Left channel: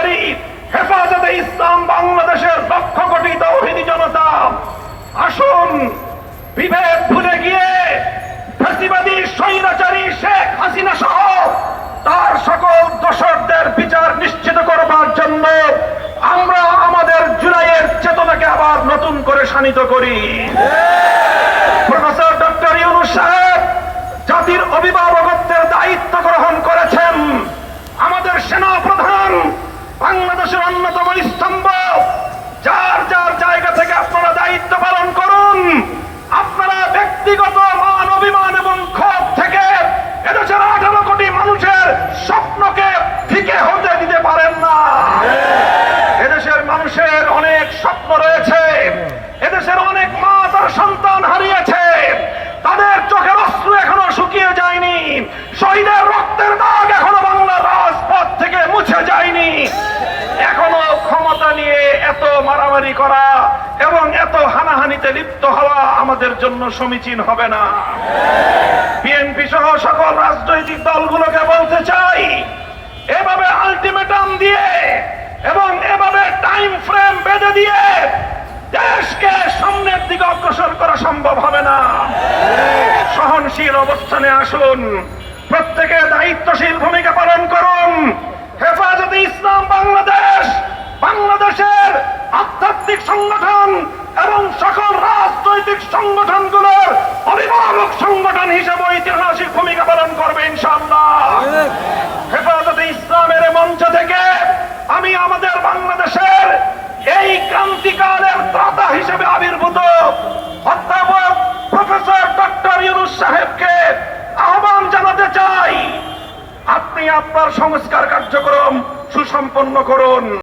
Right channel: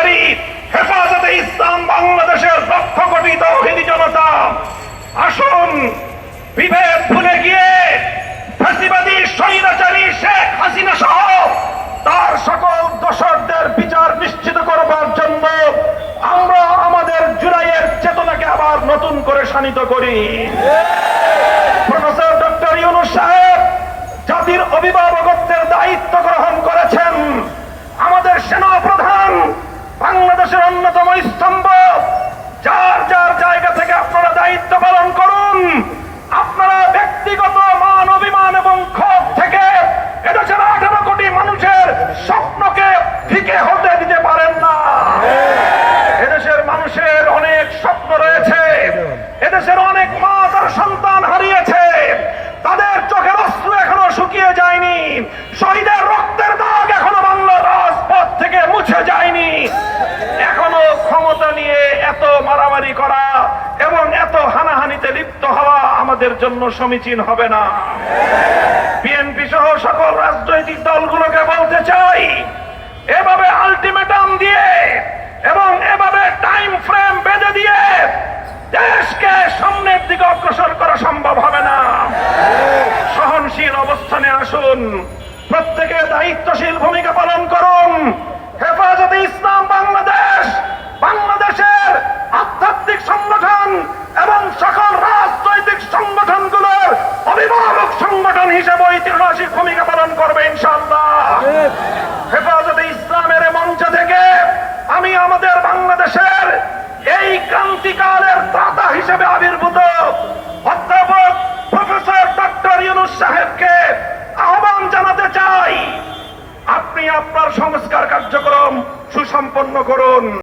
কর্মচারী, হেফাজতে ইসলাম বাংলাদেশের লক্ষ কোটি তৌহিদি জনতা, আসুন বিভেদ ভুলে গিয়ে ফ্যাসিবাদী স্বৈরাচারী শেখ হাসিনা সহ তার সকল দোষরদের বিচার নিশ্চিত করবার জন্য আমরা আমাদের জুলাইয়ের চেতনাকে আবার নতুন করে শানিত করি। প্রফেসর ডক্টর ইউনূস সাহেব জাতির অভিভাবকত্বের দায়িত্ব গ্রহণ করেছেন। আমাদের সেনা প্রধান বাংলাদেশের অন্যতম স্তম্ভ। যার যার জায়গা থেকে আপনারা দায়িত্ব পালন করুন। আপনারা ব্যক্তিগত মান অভিমান এবং ক্ষোভ থেকে এদেশের 18 কোটি মানুষের স্বপ্নকে ফিকে হতে দিতে পারেন না। এদেশের মানুষের অনেক স্বপ্ন রয়েছে। এদেশের অনেক মা তার সন্তান হারিয়েছে। তাদের চোখের অশ্রু এখনো শুকিয়ে যায়নি। শহীদের রক্তের দাগ এখনো বাংলার রাজপথ থেকে মুছে যায়নি। এখনো ক্ষমতা নিয়ে এত মারামারি করা এবং এত হানাহানিতে লিপ্ত হওয়া আমাদের জন্য সমীচীন হবে না। বিএনপি সহ সকল রাজনৈতিক দলগুলোকে বলতে চাই, এভাবে আলটিমেটাম দিয়ে এবং এভাবে টাইম ফ্রেম বেঁধে দিয়ে দেশকে সামনের দিকে অগ্রসর করা সম্ভব হবে না। সহনশীল অবস্থানে আসুন, প্রত্যেকে দায়িত্বশীল ভূমিকা পালন করুন। হেফাজতে ইসলাম বাংলাদেশ বাংলাদেশের আধ্যাত্মিক সংগঠন এবং সকল রাজনৈতিক সংগঠনগুলোর অভিভাবক সংগঠন হিসেবে ঐতিহাসিক ভূমিকা পালন করবে ইনশাআল্লাহ। হেফাজতে ইসলামের মঞ্চ থেকে আমি আমাদের বাংলাদেশের এই ক্রান্তিকালের দাতা হিসেবে আবির্ভূত অধ্যাপক প্রফেসর ডক্টর ইউনূস সাহেবকে আহ্বান জানাতে চাই, আপনি আপনার সংস্কার কার্যক্রম সুসম্পন্ন করুন।